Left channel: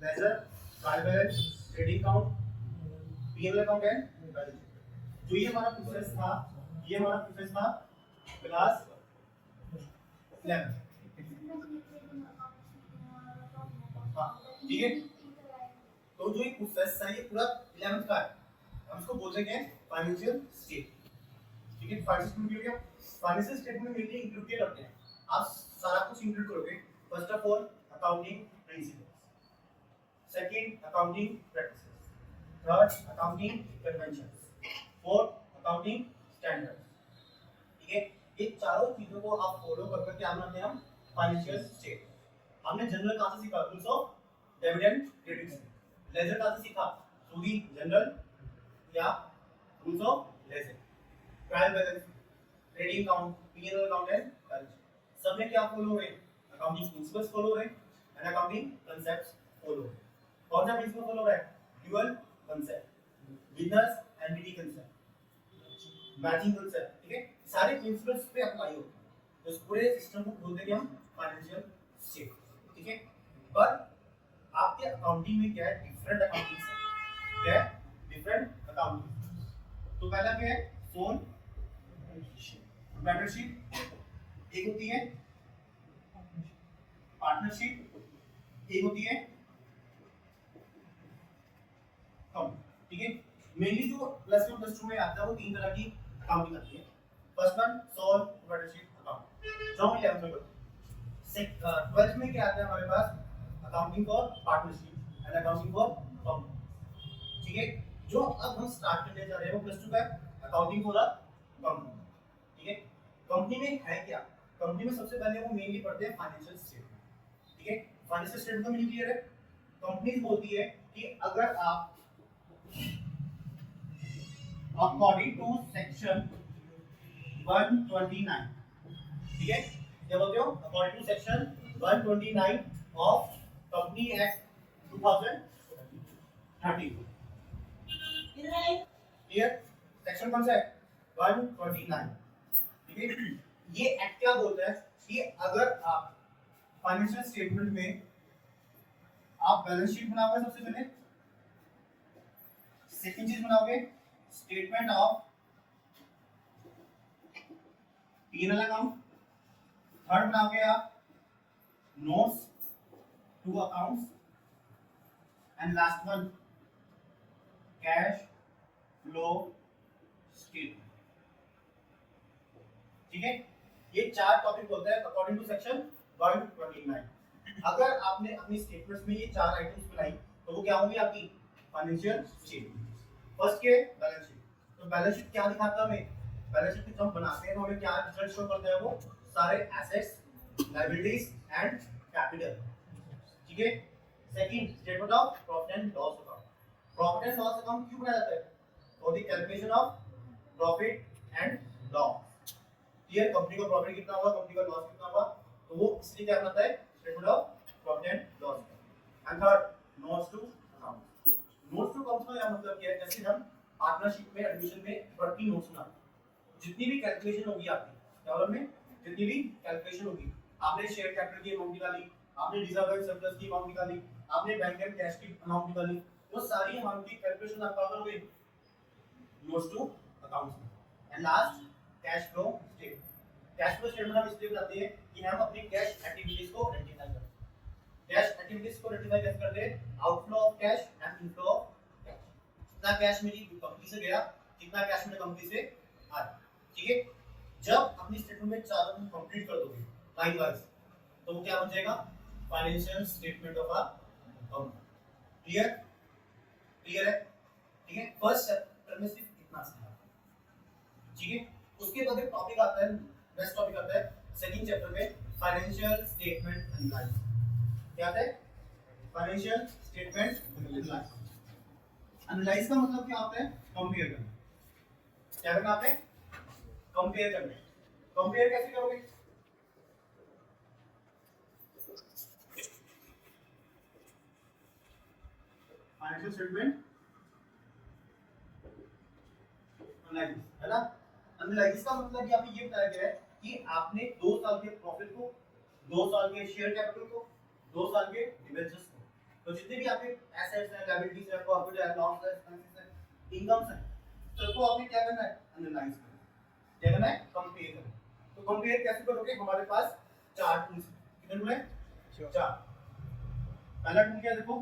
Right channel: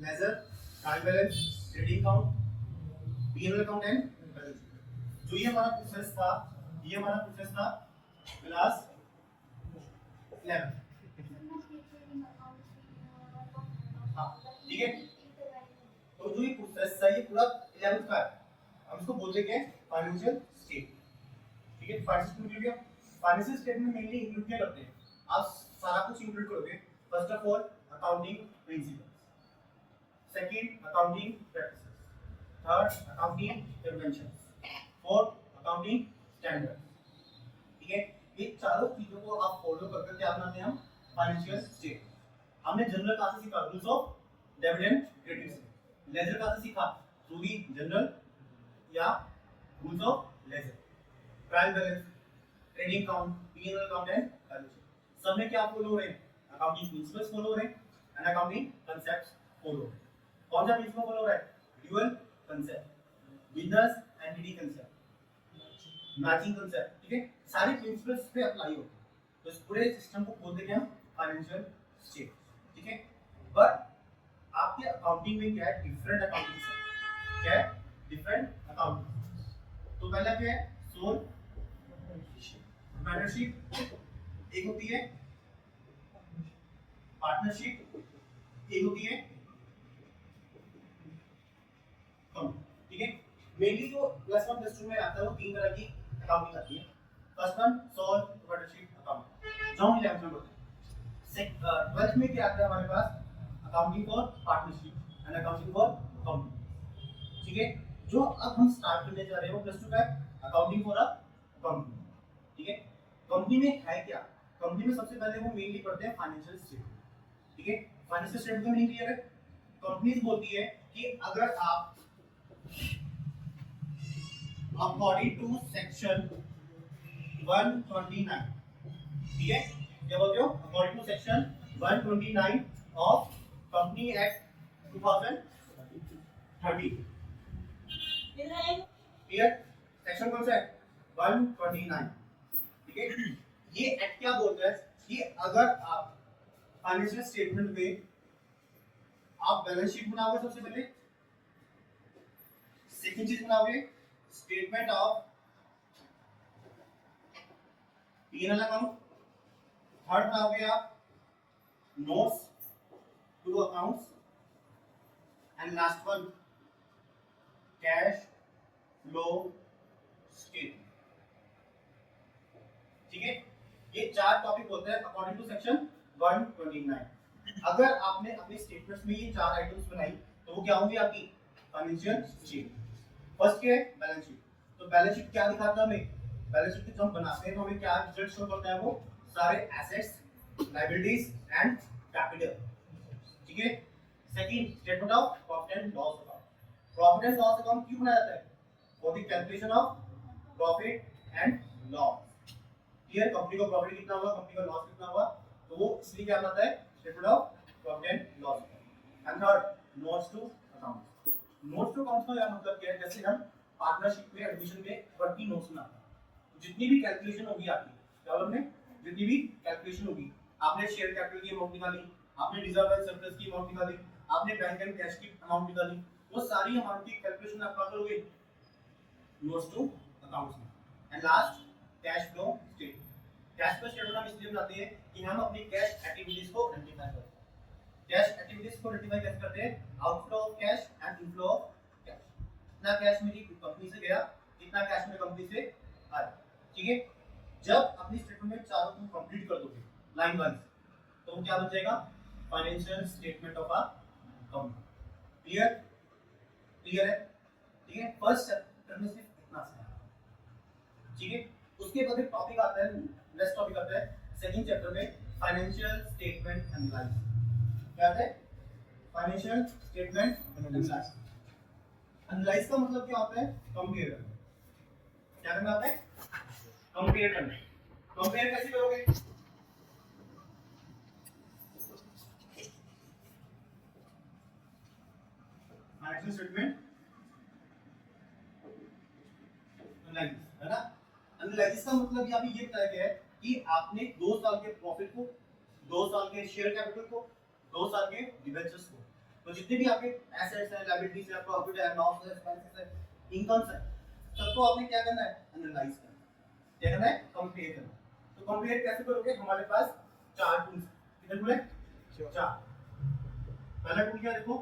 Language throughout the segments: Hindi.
Laser, trial balance, trading account, P&L account and balance sheet. जो ये हमारा प्रोसेस था, ये हमारा प्रोसेस था क्लास 11। हाँ ठीक है, तो जो ये प्रोसेस है ये पूरा 11th का है, हम इसको बोलते हैं फाइनेंशियल स्टेट। ठीक है, फाइनेंशियल इंक्लूड किया, फाइनेंशियल स्टेटमेंट में मेनली इंक्लूड क्या करते हैं, आप सारा कुछ इंक्लूड करोगे। First of all accounting principles, second accounting practices, third accounting conventions, fourth accounting standards. ठीक है, ये चारों चीजों को आप फॉलो करके क्या बनाते हैं हम फाइनेंशियल स्टेट। हमने जनरल कहां से सीखा, रूल्स ऑफ डिविडेंड क्रेडिट से। लेजर कहां से सीखा, थ्रू दी जनरल या rules of ledger. Trial balance, trading account, P&L account and balance sheet, सब में क्या फॉलो हो रहे हैं, अकाउंटिंग प्रिंसिपल्स फॉलो हो रहे हैं एंड अकाउंटिंग कांसेप्ट्स फॉलो हो रहे हैं। कौन सा प्रिंसिपल फॉलो हो रहा है, dual concept, business entity concept, matching concept. ठीक है, सारे प्रिंसिपल्स पे अप्लाई होते हैं, तो इस पूरे सिस्टम को बोलते हैं हम फाइनेंशियल स्टेट। ठीक है, पर आपके अकाउंटिंग में क्या है, डिफरेंट अकाउंटिंग है, क्या है, डिफरेंट अकाउंटिंग। तो पहला क्या है, सोल पार्टनरशिप, एक होती है पार्टनरशिप, एक होती है कम। ठीक है, मेनली जो प्लस वन प्लस टू में आता है वो तीन तरह की अकाउंटिंग आती है। First one sole partnership account, जो हम 11th में बोलते हैं। 12th में क्या आता है हमारे पास, accounting for partnership and accounting for company. ठीक है, जो अब हम स्टार्ट करने जा रहे हैं वो प्लस टू का अकाउंटिंग फॉर अ कंपनी। ठीक है, कंपनी में है क्या, कंपनी में सबसे पहले वो मेनली पढ़ते हैं फाइनेंशियल स्टेटमेंट। ठीक है, फाइनेंशियल स्टेटमेंट का मीनिंग क्लियर है, कंपनी बोलती है कि अगर आप अकॉर्डिंग टू सेक्शन 129, ठीक है, क्या बोलते हो, according to section 129 of company act 2013। Clear, section कौन सा है, 129। ठीक है, ये एक्ट क्या बोलता है कि अगर आप फाइनेंशियल स्टेटमेंट में आप बैलेंस शीट बनाओगे, सबसे पहले सेकंड चीज बनाओगे statement of P&L account, third बनाओगे आप notes to accounts and last one cash flow statement. ठीक है, ये चार टॉपिक बोलते हैं अकॉर्डिंग टू सेक्शन 129। अगर आपने अपनी स्टेटमेंट्स में ये चार आइटम्स बनाई तो वो क्या होंगी आपकी फाइनेंशियल स्टेटमेंट। फर्स्ट के बैलेंस शीट, तो बैलेंस शीट क्या दिखाता है हमें, बैलेंस शीट जब हम बनाते हैं तो हमें क्या रिजल्ट शो करता है, वो सारे एसेट्स, लायबिलिटीज एंड कैपिटल। ठीक है, second statement of profit and loss account, profit and loss account क्यों बनाया जाता है, for the calculation of profit and loss. Clear, company को प्रॉफिट कितना हुआ, कंपनी का लॉस कितना हुआ, तो वो इसलिए क्या बनाता है statement of profit and loss. And third notes to account, notes to account का मतलब क्या है, जैसे हम पार्टनरशिप में एडमिशन में वर्किंग नोट्स बनाते हैं, जितनी भी कैलकुलेशन होगी आपकी डॉलर में, जितनी भी कैलकुलेशन होगी, आपने शेयर कैपिटल की अमाउंट निकाली, आपने रिजर्व एंड सरप्लस की अमाउंट निकाली, आपने बैंक एंड कैश की अमाउंट निकाली, वो सारी अमाउंट की कैलकुलेशन आप क्या करोगे नोट्स टू अकाउंट्स में। And last cash flow statement, cash flow statement हम इसलिए बनाते हैं कि हम अपनी कैश एक्टिविटीज को आइडेंटिफाई करते हैं। कैश एक्टिविटीज को आइडेंटिफाई कैसे करते हैं, outflow of cash and inflow of cash, कितना कैश मेरी कंपनी से गया, कितना कैश मेरे कंपनी से आया। ठीक है, जब अपनी स्टेटमेंट में चारों तुम कंप्लीट कर दोगे लाइन वाइज, तो वो क्या बन जाएगा financial statement of a company. Clear, clear है। ठीक है, फर्स्ट चैप्टर में सिर्फ इतना सा। ठीक है, उसके बाद एक टॉपिक आता है, नेक्स्ट टॉपिक आता है सेकंड चैप्टर में फाइनेंशियल स्टेटमेंट एनालिसिस। क्या है फाइनेंशियल स्टेटमेंट एनालिसिस। एनालाइज का मतलब क्या होता है, कंपेयर करना। क्या करना आपने, कंपेयर करना। कंपेयर कैसे करोगे, फाइनेंशियल स्टेटमेंट एनालिसिस है ना। एनालिसिस का मतलब यहाँ पे ये बताया गया है कि आपने 2 साल के प्रॉफिट को, 2 साल के शेयर कैपिटल को, 2 साल के डिबेंचर्स को तो जितने भी आपके एसेट्स हैं, लायबिलिटीज है, प्रॉफिट है, लॉस है, एक्सपेंसेस है, इनकम्स है, सबको आपने क्या करना है, एनालाइज करना है। क्या करना है, कंपेयर करना है। तो कंपेयर कैसे करोगे, हमारे पास चार टूल्स हैं, कितने टूल हैं, चार। पहला टूल क्या देखो,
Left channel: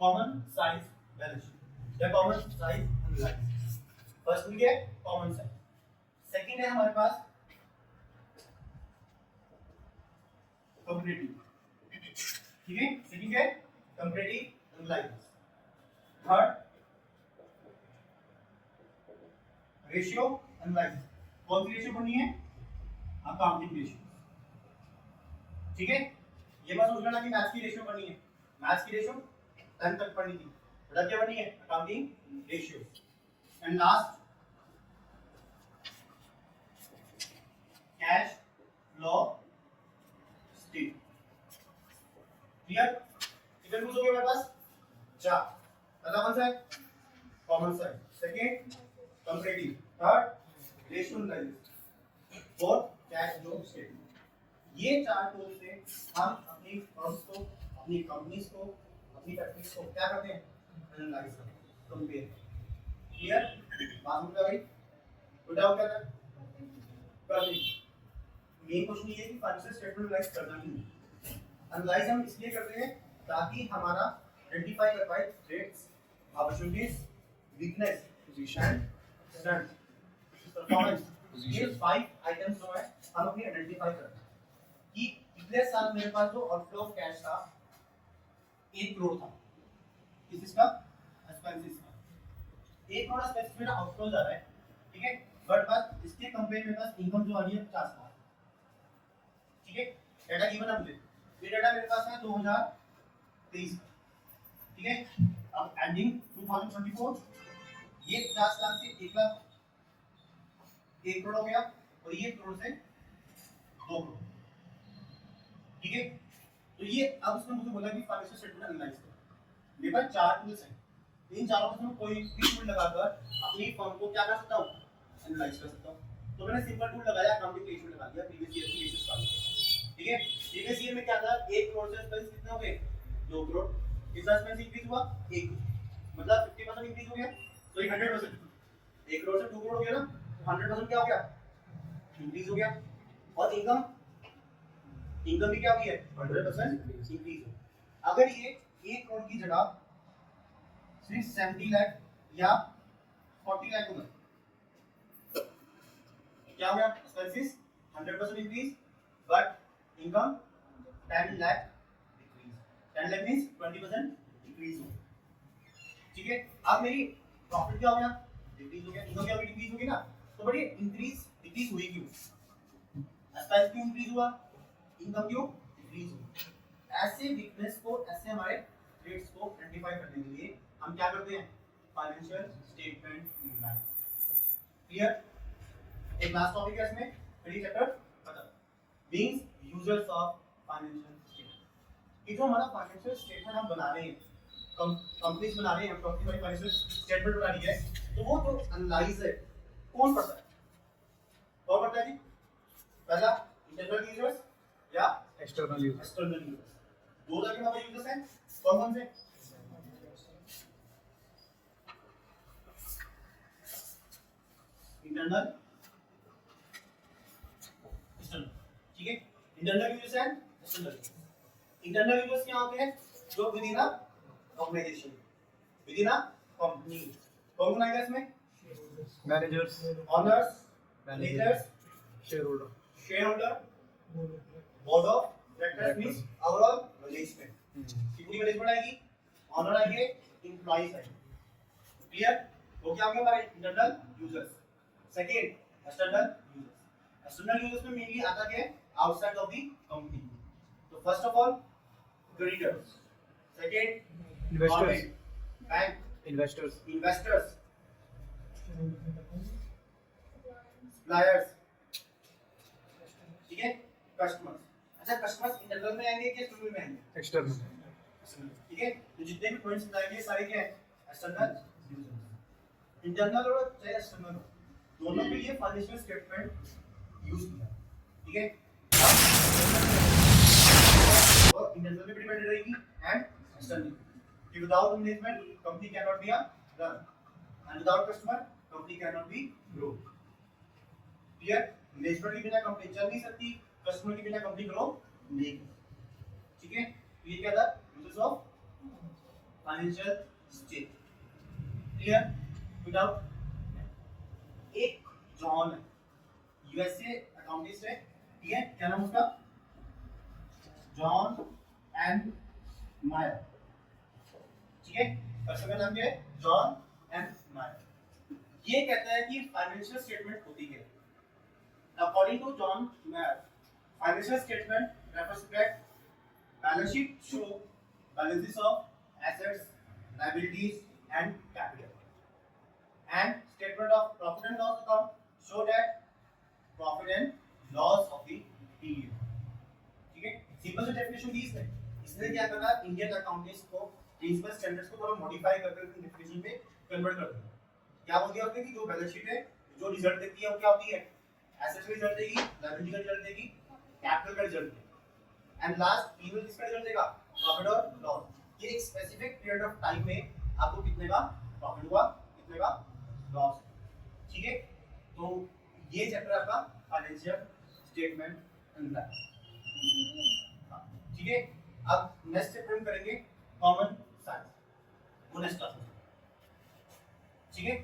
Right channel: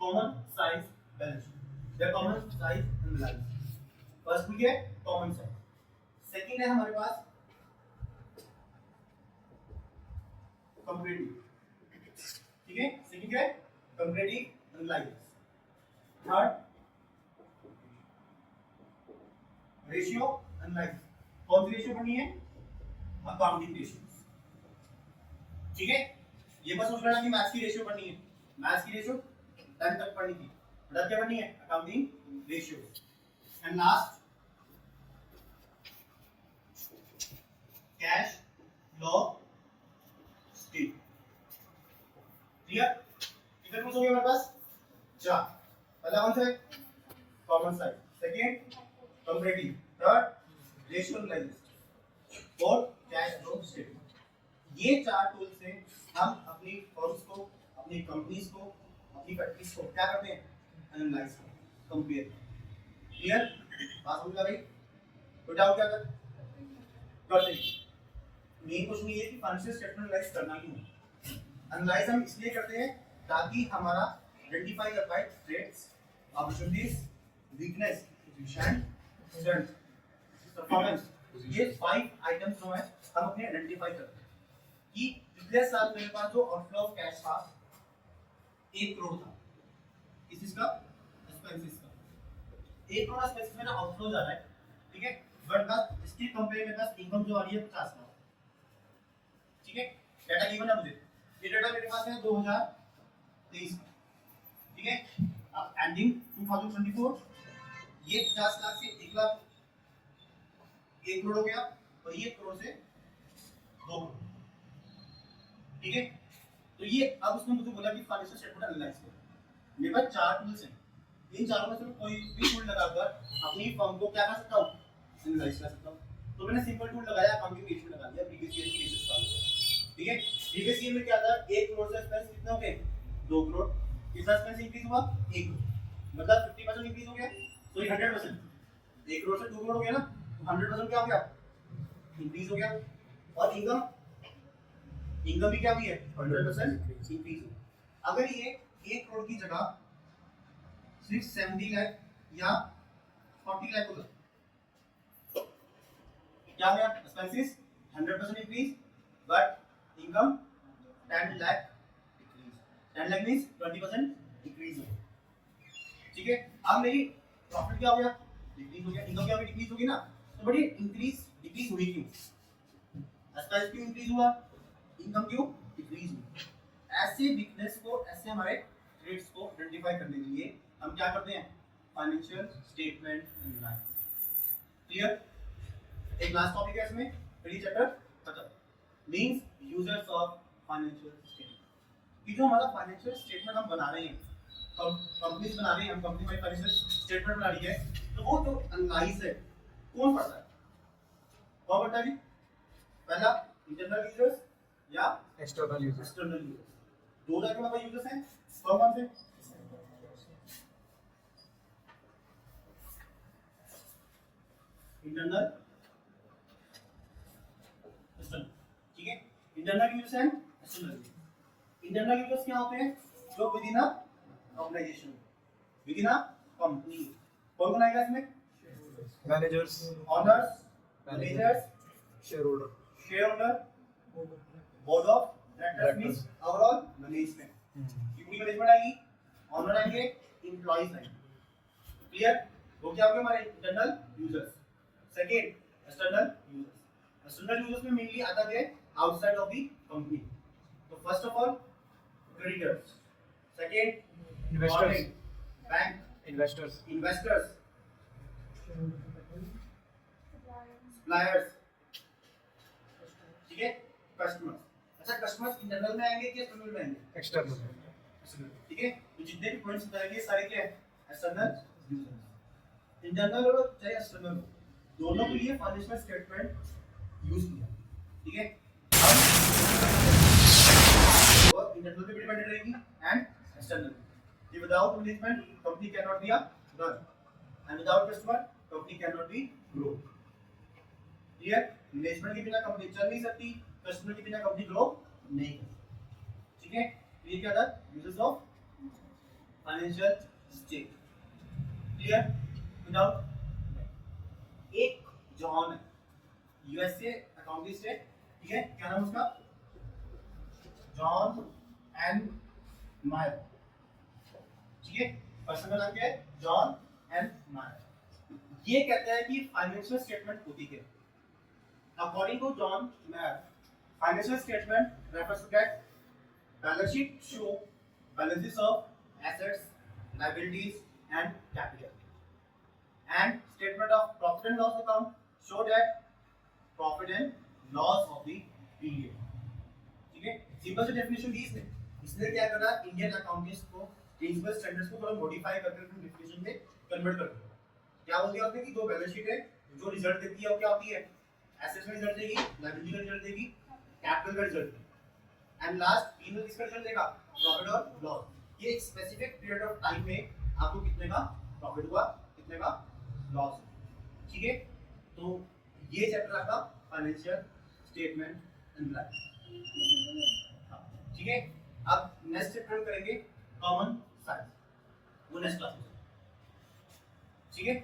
कॉमन साइज बैलेंस शीट या common size analyse. First tool क्या है, कॉमन साइज। सेकंड है हमारे पास कंपैरेटिव, ठीक है, सेकंड है comparative analysis. Third ratio analysis. कौन सी रेशियो पढ़नी है, अकाउंटिंग रेशियो, ठीक है। ये मत सोच लेना कि मैथ्स की रेशियो पढ़नी है, मैथ्स की रेशियो 10 तक पढ़नी थी, बता क्या पढ़नी है, accounting ratio. And last cash flow state. Clear, कितने टूल्स हो गए हमारे पास, चार। पहला कौन सा है, common size, second comparative, third ratio analysis, fourth cash flow statement. ये चार टूल से हम अपनी फर्म्स को, अपनी कंपनीज को, अपनी फैक्ट्रीज को क्या करते हैं, एनालाइज करते हैं, कंपेयर। क्लियर, बात समझ आ गई, कोई डाउट क्या कर करते हैं। मेन क्वेश्चन ये है कि फाइनेंशियल स्टेटमेंट एनालाइज करना क्यों है। एनालाइज हम इसलिए करते हैं ताकि हमारा आइडेंटिफाई कर पाए threats, opportunities, weakness, position, strength, performance. ये 5 आइटम्स जो है हम अपने आइडेंटिफाई करते हैं कि पिछले साल मेरे पास जो आउटफ्लो ऑफ कैश था 1 करोड़ था, किस चीज का, एक्सपेंसेस का। 1 करोड़ एक्सपेंसेस मेरा आउटफ्लो जा रहा है, ठीक है, बट बस इसके कंपेयर में बस इनकम जो आ रही है 50 लाख, ठीक है। डाटा गिवन है मुझे, ये डाटा मेरे पास है 2023 का, ठीक है। अब एंडिंग 2024, ये 50 लाख से 1 लाख 1 करोड़ हो गया, और ये 1 करोड़ से 2 करोड़, ठीक है। तो ये अब उसने मुझे बोला कि फाइनेंशियल स्टेटमेंट एनालाइज करो। मेरे पास चार टूल्स हैं, इन चारों में से मैं कोई भी टूल लगाकर अपनी फर्म को क्या कर सकता हूँ, एनालाइज कर सकता हूँ। तो मैंने सिंपल टूल लगाया, अकाउंटिंग रेशियो लगा दिया, प्रीवियस ईयर की रेशियो निकाल दिया, ठीक है। प्रीवियस ईयर में क्या था, 1 करोड़ से एक्सपेंस कितना हो गए, 2 करोड़। कितना एक्सपेंस इंक्रीज हुआ, 1 करोड़, मतलब 50% इंक्रीज हो गया, सॉरी 100%। 1 करोड़ से 2 करोड़ हो गया ना, तो 100% क्या हो गया, इंक्रीज हो गया। और इनकम भी क्या हुई है, 100% इंक्रीज। अगर ये 1 करोड़ की जगह सिर्फ 70 लाख या 40 लाख होगा, क्या हो गया, expenses 100% increase but income 10 lakh decrease. 10 lakh means 20% decrease हो, ठीक है। अब मेरी प्रॉफिट क्या हो गया, डिक्रीज हो गया, इनकम क्या हो गई, डिक्रीज होगी ना। तो बड़ी इंक्रीज डिक्रीज हुई क्यों, एक्सपेंस क्यों इंक्रीज हुआ, इनकम क्यों डिक्रीज हुई। ऐसे वीकनेस को, ऐसे हमारे थ्रेड्स को आइडेंटिफाई करने के लिए हम क्या करते हैं, फाइनेंशियल स्टेटमेंट एनालाइसिस। क्लियर, एक लास्ट टॉपिक है इसमें, फिर ये चैप्टर खत्म। Means users of financial statement. कि जो हमारा फाइनेंशियल स्टेटमेंट हम बना रहे हैं, कंपनीज बना रहे हैं, हम कंपनी हमारी फाइनेंशियल स्टेटमेंट बना रही है, तो वो जो एनालाइज है कौन पढ़ता है, कौन पढ़ता है जी, पहला इंटरनल यूजर्स या एक्सटर्नल यूजर्स। दो तरह के हमारे यूजर्स हैं, कौन से, इंटरनल, एक्सटर्नल, ठीक है। Internal users and external. Internal users क्या होते हैं, जो within a organization, within a company. कौन आएगा इसमें, managers, owners, managers, shareholder, board of directors means overall management, की पूरी मैनेजमेंट आएगी, ओनर आएंगे, एम्प्लॉइज आएंगे। क्लियर, तो क्या हो गया हमारे internal users. Second external users. External users में मेनली आता क्या है, आउटसाइड ऑफ द कंपनी। तो first of all creditors, second investors, bank, investors, suppliers, ठीक है, कस्टमर्स। अच्छा, कस्टमर्स इंटरनल में आएंगे कि एक्सटर्नल में आएंगे, एक्सटर्नल, ठीक है। तो जितने भी पॉइंट्स बताएंगे सारे क्या है, एक्सटर्नल यूजर्स। इंटरनल और चाहे एक्सटर्नल, दोनों के लिए फाइनेंशियल स्टेटमेंट यूज किया, ठीक है। मैनेजमेंट पे डिपेंडेंट रहेगी एंड एक्सटर्नल। कि without management company can not be a run and without customer company can not be grow. Clear? Management के बिना कंपनी चल नहीं सकती, कस्टमर के बिना कंपनी ग्रो नहीं कर सकती। ठीक है? ये क्या था uses of financial statement. Clear? Without एक जॉन है यूएसए अकाउंटिस्ट है, ठीक है? क्या नाम उसका? जॉन एन मायर। ठीक है? पर्सन का नाम क्या है? जॉन एन मायर। ये कहता है कि फाइनेंशियल स्टेटमेंट होती क्या है? According to John Myer, financial statement refers to that balance sheet show balances of assets, liabilities and capital, and statement of profit and loss account show that profit and loss of the period। ठीक है? सिंपल सी डेफिनेशन दी इसने क्या करा, इंडियन अकाउंटिंग्स को प्रिंसिपल स्टैंडर्ड्स को थोड़ा मॉडिफाई करके डेफिनेशन में कन्वर्ट कर दिया। क्या बोल दिया उसने कि जो बैलेंस शीट है जो रिजल्ट देती है वो क्या होती है? एसेट्स का रिजल्ट देगी, लायबिलिटी का रिजल्ट देगी, कैपिटल का रिजल्ट देगी, एंड लास्ट पीनल किसका रिजल्ट देगा? प्रॉफिट और लॉस। ये एक स्पेसिफिक पीरियड ऑफ टाइम में आपको कितने का प्रॉफिट हुआ, कितने का लॉस। ठीक है? तो ये चैप्टर आपका फाइनेंशियल स्टेटमेंट एंड लाइफ। ठीक है? अब नेक्स्ट चैप्टर हम करेंगे कॉमन साइंस, वो नेक्स्ट क्लास में। ठीक है?